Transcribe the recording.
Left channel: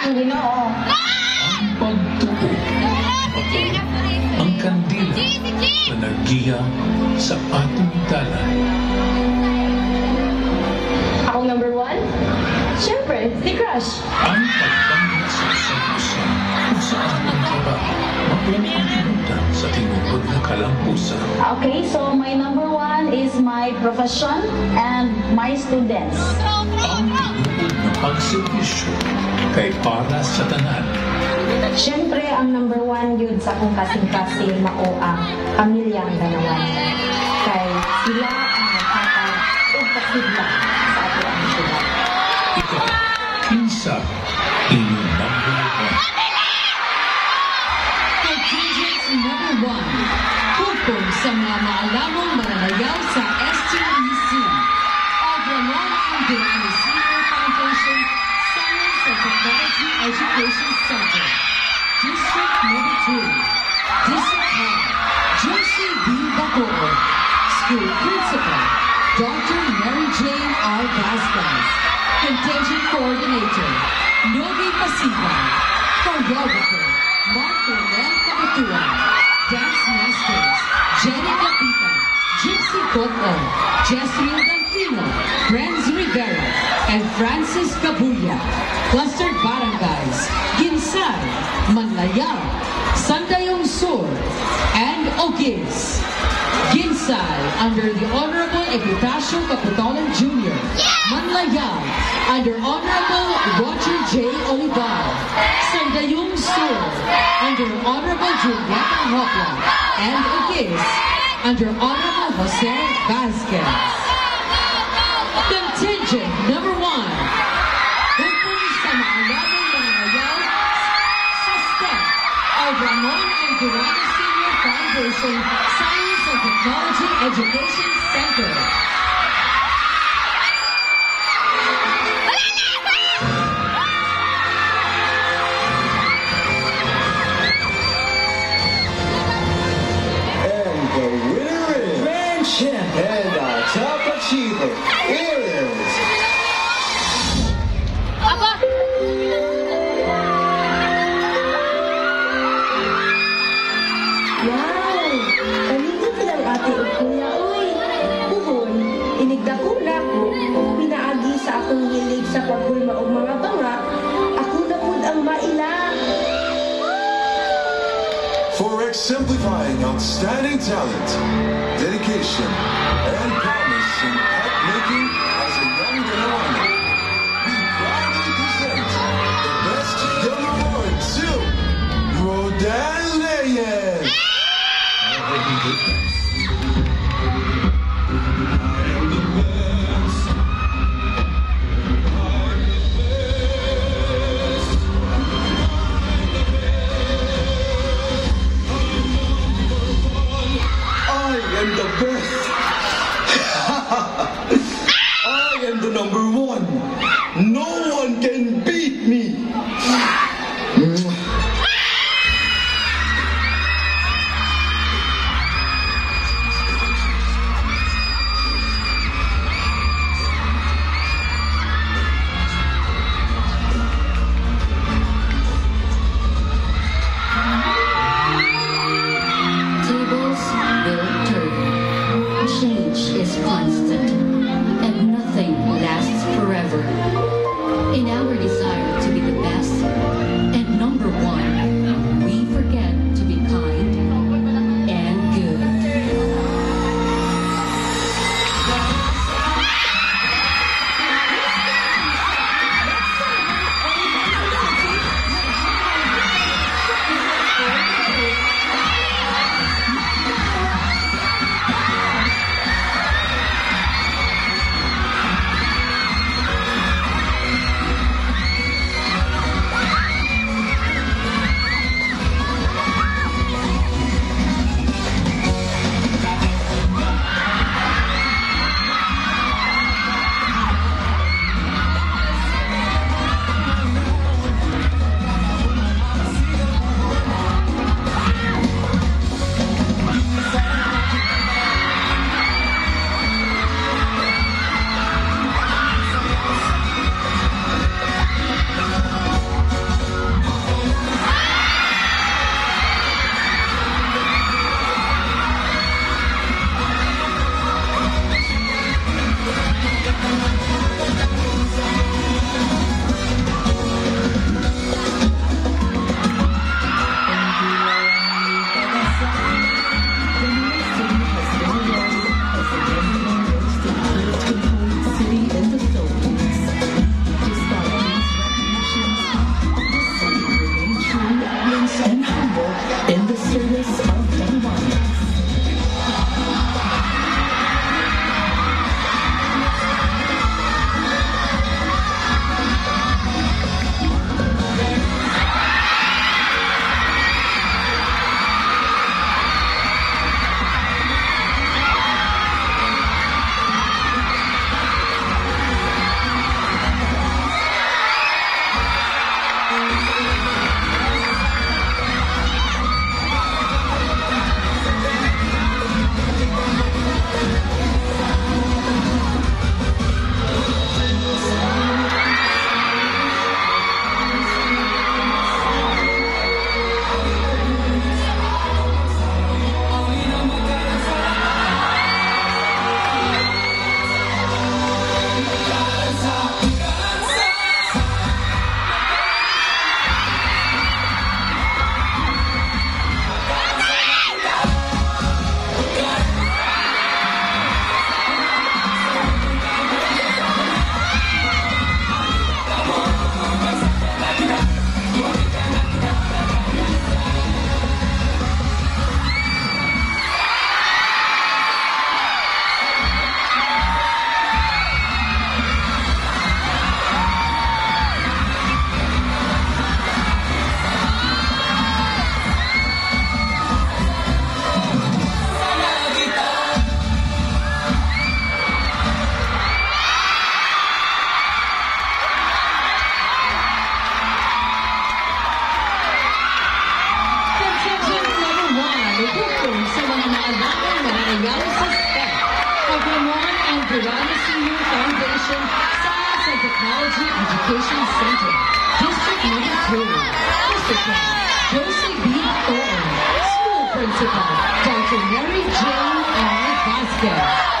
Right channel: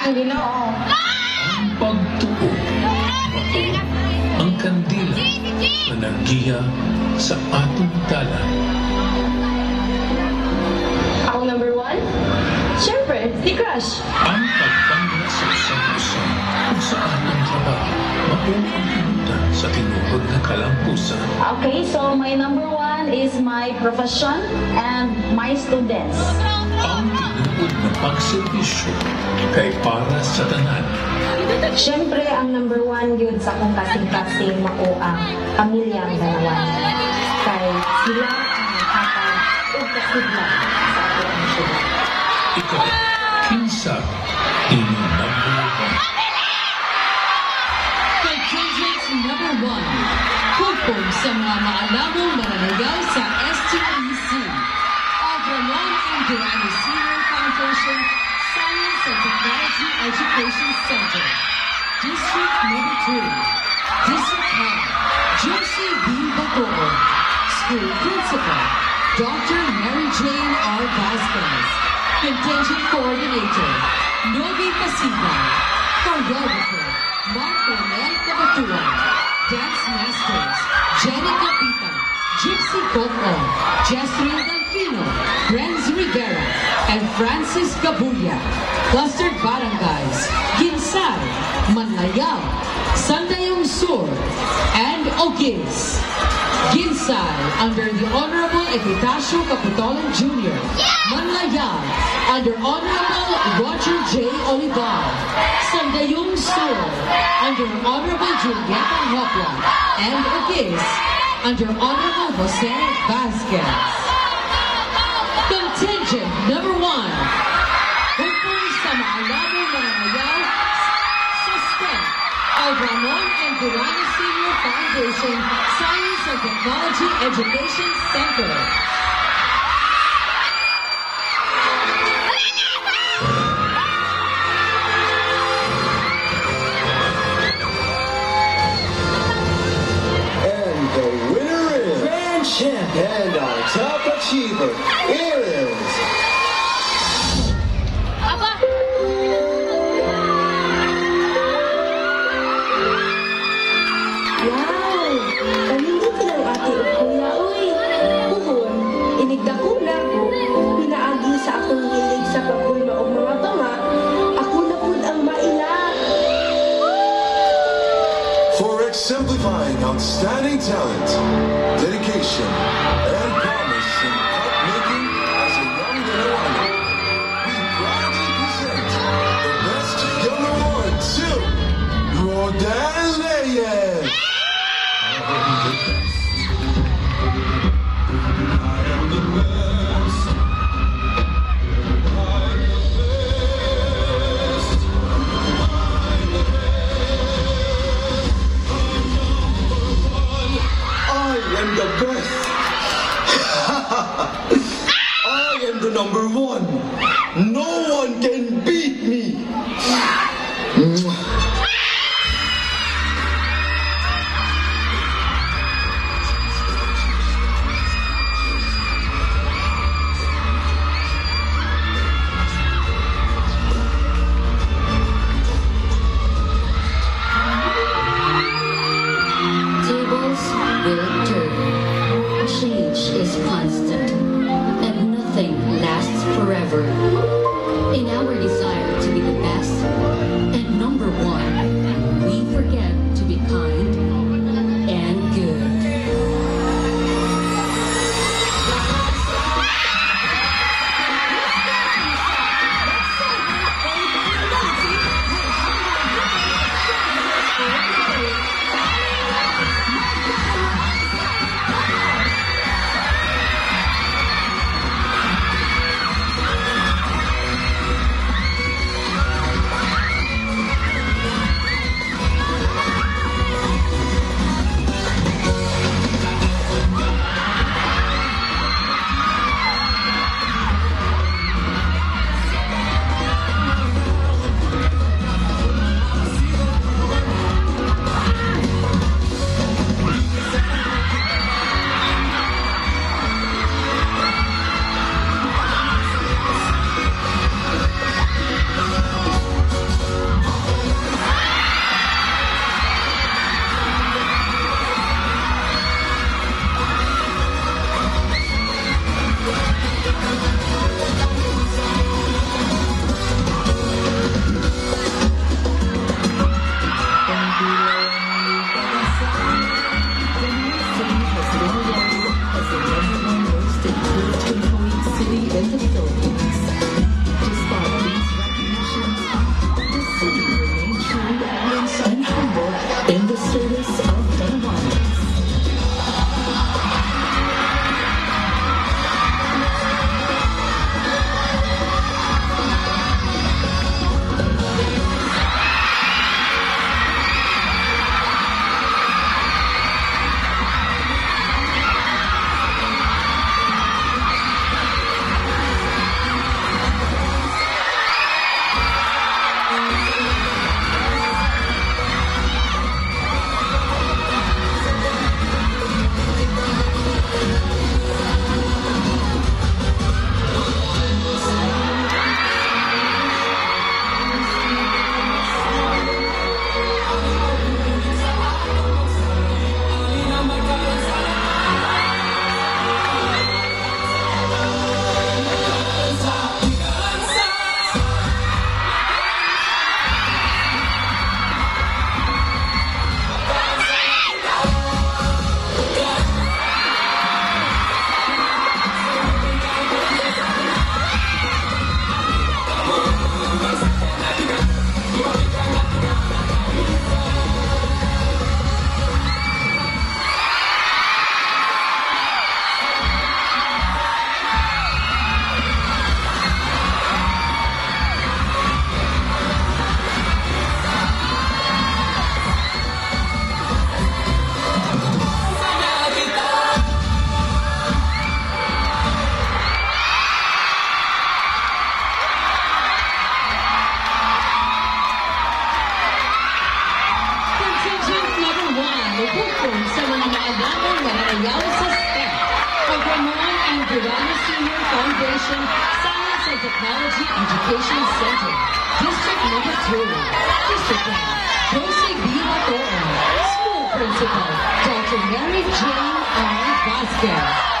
Ginoo. Ang pagtuo, ang kandila na naggiya sa atong dalan. Ako number 1? Siyempre, si Crush. Ang pagpangga sa isang isa kung sa atong trabaho, mabuong pagkilutan sa tinubod na kalampusan. Okay, so my number 1 is my profession and my students. Ang tinubod na pagservisyo kay para sa tanan. Siyempre, ang number 1 yun sa akong kasing-kasing mao ang pamilyang ganawan. Kay sila ang naghatag o kasigla sa ato ang syudad. Ikaw, kinsa inyong number 1? Contingent number 1. Hukom sa mga maalamong mananayaw sa STEC. Agranon and Durani Senior Foundation Science and Technology Education Center. District number 2. Discipline. Josie B. Bacoor. School Principal. Dr. Mary Jane R. Vasquez. Contingent Coordinator. Novi Pasigan. Choreographer. Mark Ronel Cabatuan. Dance Masters. Jenny Capita. Gypsy Coco. Jasmine Delfino. Friends Rivera. And Francis Cabulla. Clustered Barangays. Ginsay. Manlayab. Sandayong Sur. And Ogis. Ginsay under the Honorable Epitacio Caputolan Jr. Manlayab under Honorable Roger J. Olivar. Sandayong Sur under Honorable Julieta Hopla. And Ogis under Honorable Jose Vasquez. Contingent number 1. Hukom sa maalamong mananayaw sa STEM of Ramon and Durani Senior Foundation Science and Technology Education Center. And the winner is Grand Champ, and our top achiever is Wow! Kanindot ka ng ate o kuya, uy! Puhon, inigdakula ko, pinaagi sa akong hilig sa pagulma o mga banga, ako na po ang maila. for exemplifying outstanding talent, dedication, and promise in art making as a young Ganawana. We proudly present the best young award to Rodan Reyes. I am the best. Voice of Dalawanas. Nagpupong sa mga naalagang nananayaw sa STEM, ang Ramon and Durana Senior Foundation Science and Technology Education Center, District Number 2, Principal Jose B. Atoon, School Principal Dr. Mary Jane R. Vasquez.